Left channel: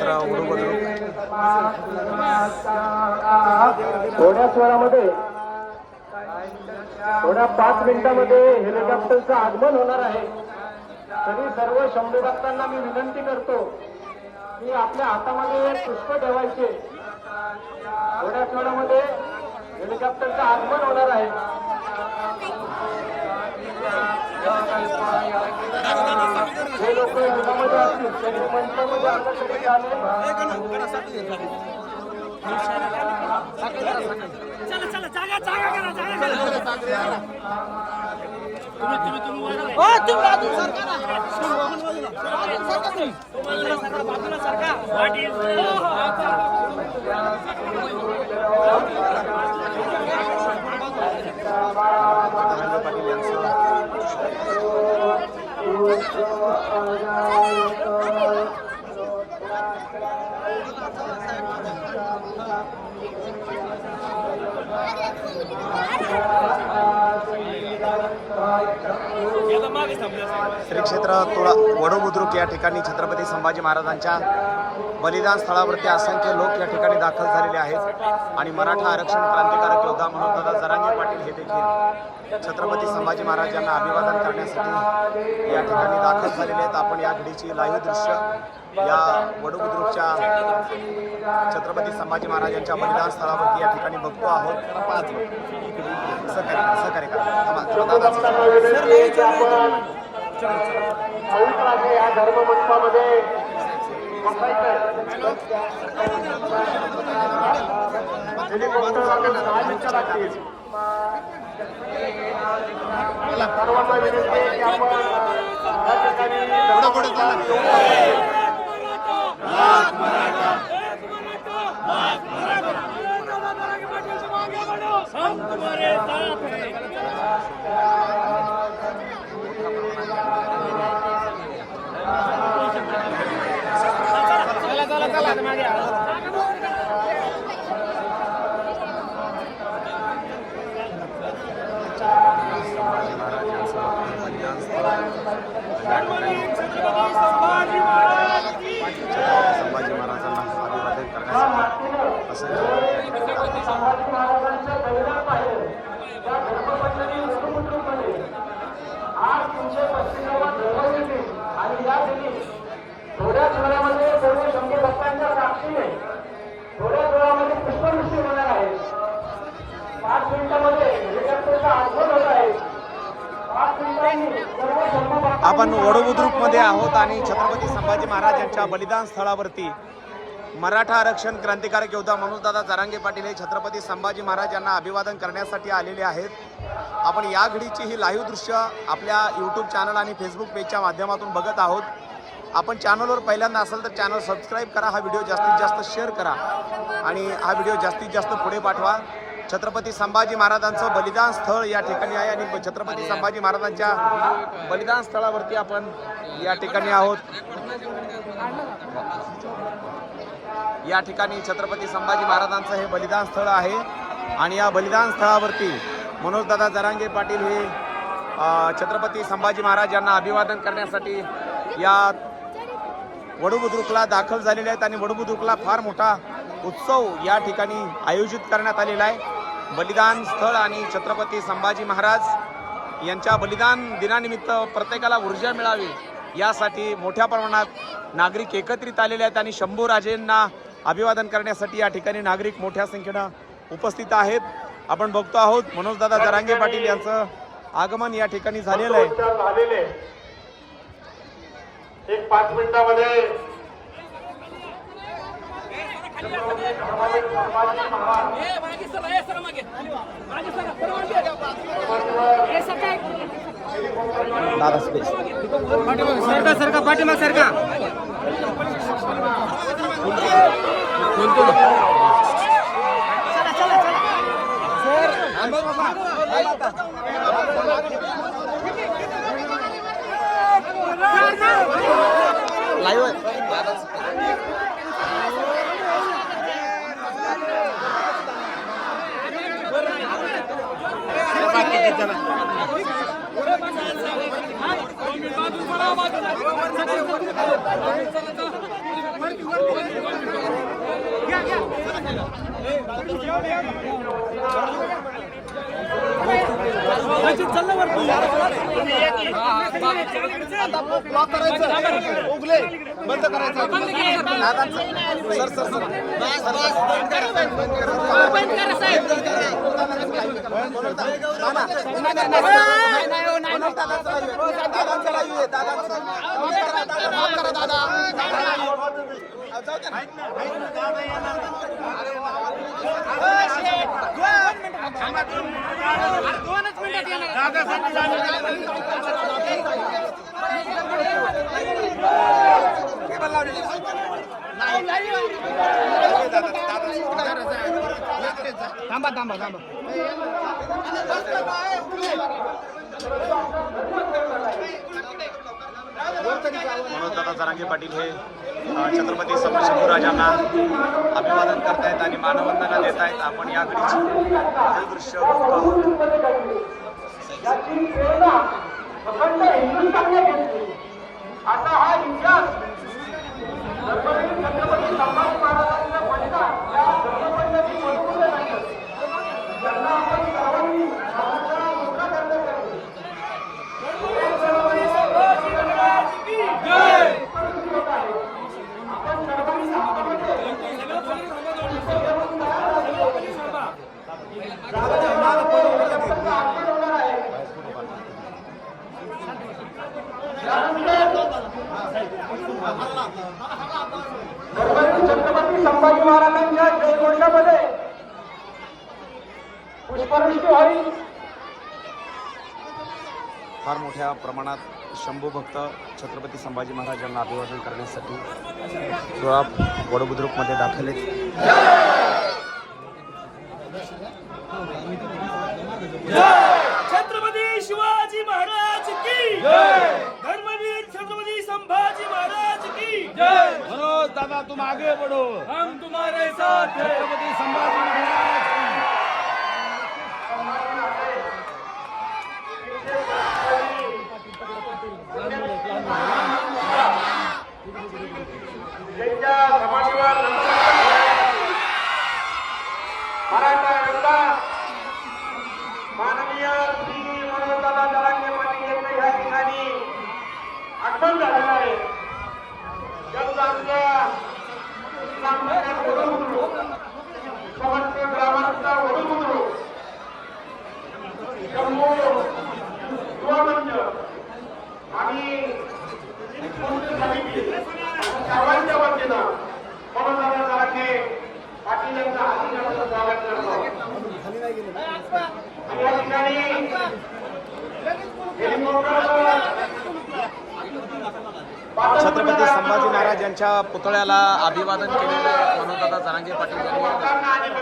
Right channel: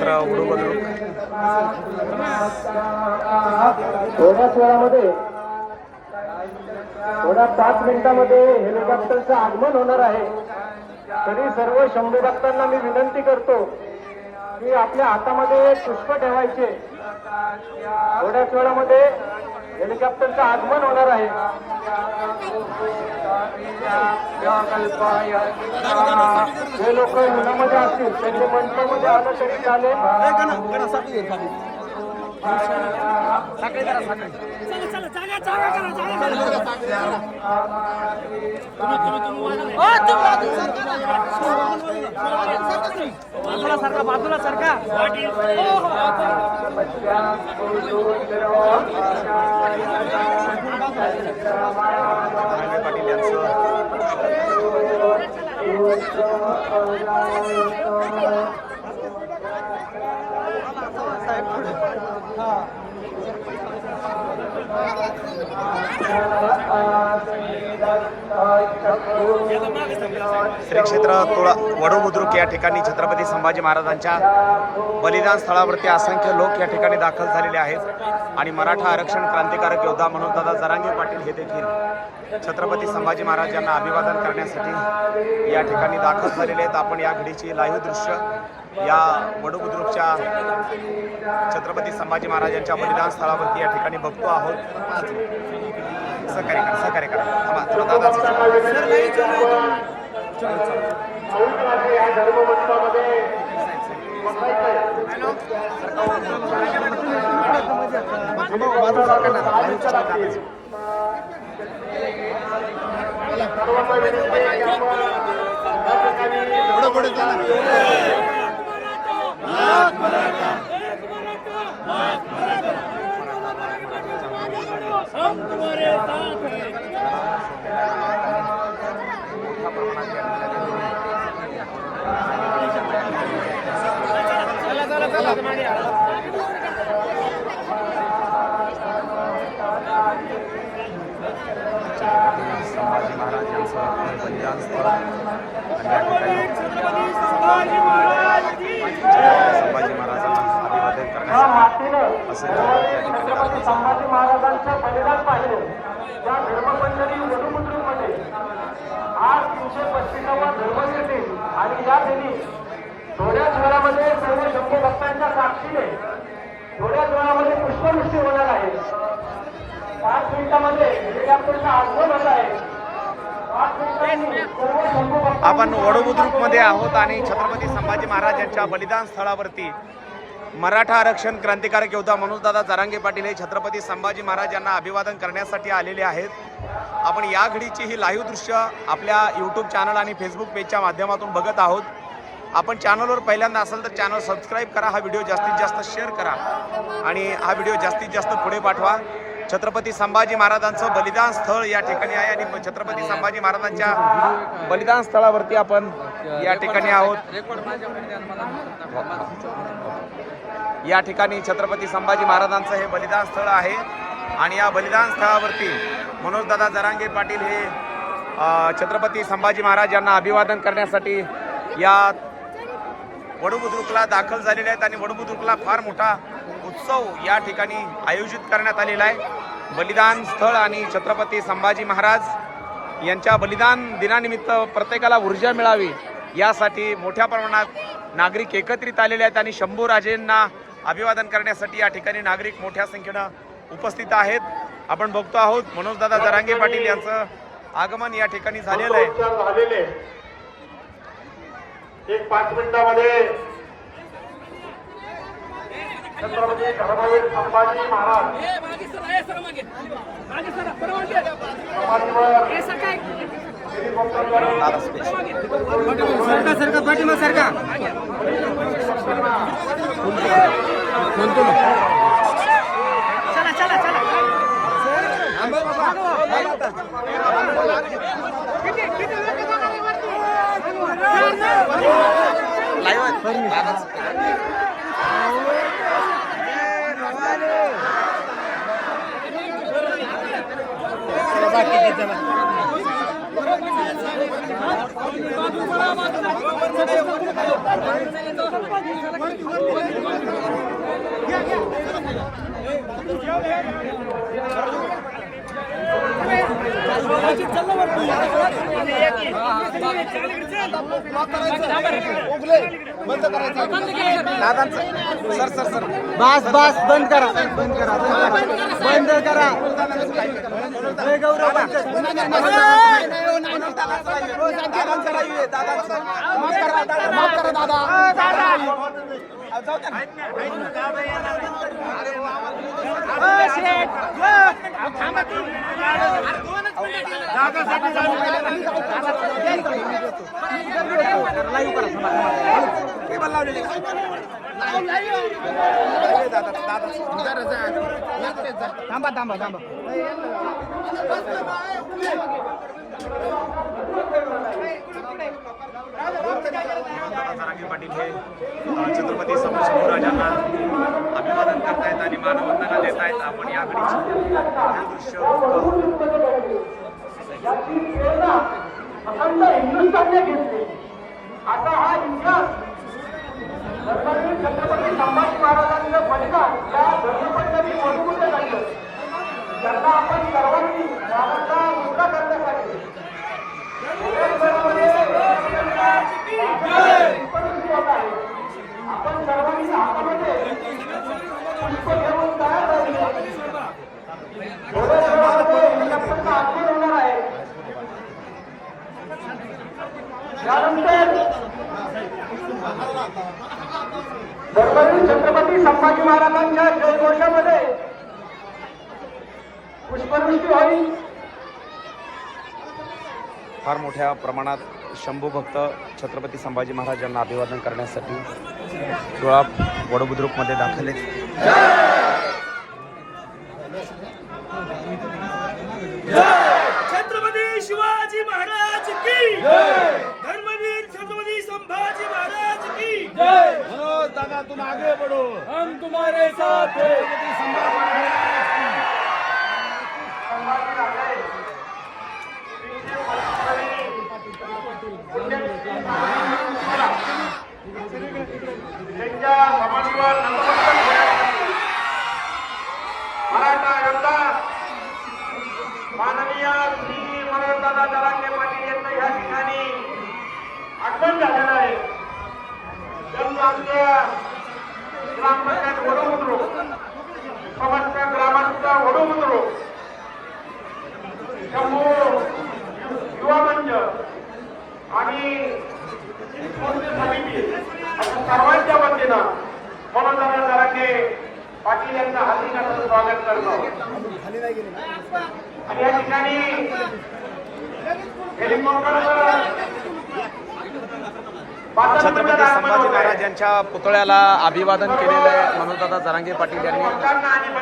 थोड्या स्वरामध्ये थोड्याच वेळामध्ये थोड्या पाच मिनिटामध्ये हेलिकॉप्टरचं आगमन होणार आहे. तरी सर्व शंभू भक्तांना मी विनंती करतो की आपल्या हातामध्ये पुष्प ठेवायचे. थोड्याच वेळामध्ये हेलिकॉप्टरचं आगमन होणार आहे. जे लोक मनामध्ये असतील त्यांनी मंचामध्ये आलं तरी चालेल जरांगे पाटील यांचं श्री क्षेत्र तुळा वडू बुद्रुक या ठिकाणी छत्रपती संभाजी महाराजांच्या बलिदान स्थळावरती असंख्य लोक या ठिकाणी दाखल झालेले आहेत. आणि मराठा आरक्षण क्रांतिकारक योद्धा म्हणून दादा जरांगे पाटील हे देखील छत्रपती संभाजी महाराज यांना अभिवादन करण्यासाठी या ठिकाणी दाखल झालेले आहेत. आपण या घडीची लाईव्ह दृश्य या वडू बुद्रुकच्या छत्रपती संभाजी महाराजांच्या बलिदान स्थळावरती या ठिकाणी बघतो आहोत. सहकार्य करा सहकार्य करा. थांबा, थोडं दादाचं सर्वांना विनंती आहे की आपण पवित्राच्या या धर्ममंचामध्ये बसायचंय. हेलिकॉप्टर आले दहा मिनिटं लागतील. सर्वांना विनंती आहे की आपण या संभाजी महाराज यांचं बलिदान स्थळ. आणि या ठिकाणी संभाजी महाराजांना करण्यासाठी मातीनं संभाजी महाराजांचं बलिदान पाहिलं. आज तीनशे पस्तीसावा आणि या दिनी सर्व शंभू भक्तांच्या साक्षीने पुष्पवृष्टी होणार आहे पाच मिनिटामध्ये हेलिकॉप्टरचं आगमन होत आहे आपण वडोबुद्रुकमध्ये आहोत आणि छत्रपती संभाजी महाराज यांच्या बलिदान स्थळावरती मराठा आरक्षण क्रांतिकारक योद्धा मनोजदादा जरांगे पाटील हे छत्रपती संभाजी महाराज यांना अभिवादन करण्यासाठी आलेले आहेत. आपण या घडीची ही लाईव्ह दृश्य आपल्या यूट्यूब चॅनल आणि फेसबुक पेजच्या माध्यमातून बघत आहोत. आपण चॅनलवर पहिल्यांदा असेल तर चॅनल सबस्क्राईब करा हा व्हिडिओ जास्तीत जास्त शेअर करा आणि हा व्हिडिओ जास्तीत जास्त पुढे पाठवा. छत्रपती संभाजी महाराजांचं बलिदान स्थळ या ठिकाणी आहे आणि छत्रपती संभाजी महाराजांच्या बलिदान स्थळावरती आपण या ठिकाणी आहोत. या ठिकाणी छत्रपती संभाजी महाराजांचं हे बलिदान स्थळ आहे आणि या बलिदान स्थळावरती मनोजदादा जरांगे पाटील हे छत्रपती संभाजी महाराज यांना अभिवादन करण्यासाठी या वडुबुद्रुकला दाखल झालेले आहेत आणि वडुबुद्रुकला फार मोठा उत्सव या ठिकाणी आयोजित करण्यात आलेला आहे. बलिदान स्थळ आणि छत्रपती संभाजी महाराज यांच्या बलिदान दिनानिमित्त प्रत्येकाला ऊर्जा मिळावी यासाठी मोठ्या प्रमाणात नागरिक एकत्रित आलेले आहेत आणि शंभू राजेंना अभिवादन करण्यासाठी या ठिकाणी नागरिक मोठ्या संख्येनं उपस्थित आहेत. आपण बघतो आहोत मनोजदादा जरांगे पाटील यांचं आगमन या ठिकाणी झालेलं आहे. एक पाच मिनिटामध्ये छत्रपती धर्मवीर संभाजी महाराज. सरका सरका पाठीमा सरका. बोलतो ना बाकी किती जण तुम्ही एक- आता ब्लॉक करायचं उगले बाजू सर सर सर. बस बस बंद करा. बंद करा. बंद करा थांबा थांबा थांबा. मनोजदादा जरांगे पाटील हे छत्रपती सं- शंभूराजांना अभिवादन करतायत आणि मानवंदना देत आहेत आपण याकडे दृश्य आता हा इतिहास धर्मवीर छत्रपती संभाजी महाराजांचं बलिदान या धर्मपंडित वधूमध्ये झालं त्यांना आपण सर्वांनी रामाचा मुक्ता करण्यासाठी आपण सर्वांनी आपण होणार आहे धर्मवीर छत्रपती संभाजी महाराजांच्या जयघोषामध्ये पुष्पवृष्टी होईल फार मोठ्या प्रमाणात शंभू भक्त छत्रपती संभाजी महाराजांना अभिवादन करण्यासाठी सोळा वडबुद्रुकमध्ये दाखल आहेत. छत्रपती शिवाजी महाराज की! धर्मवीर छत्रपती संभाजी महाराज की! दादा तुम आगे बढ़ो। हम तुम्हारे साथ हैं। छत्रपति संभाजी महाराज की त्यांच्या समाजावर मराठा योद्धा माननीय श्री मनोजदादा जरांगे पाटील यांचं या ठिकाणी आगमन झालेलं आहे त्यांचं आमच्या ग्रामपंचायत वडूमुद्रू समस्त ग्रामांचा वडूमुद्रू शंभू युवा मंच आणि सर्वांच्या वतीनं मनोज जरांगे स्वागत करतो. आणि या ठिकाणी छत्रपती संभाजी महाराज यांच्या पुतळ्याला अभिवादन केलेलं आहे मनोजदादा जरांगे पाटील यांनी.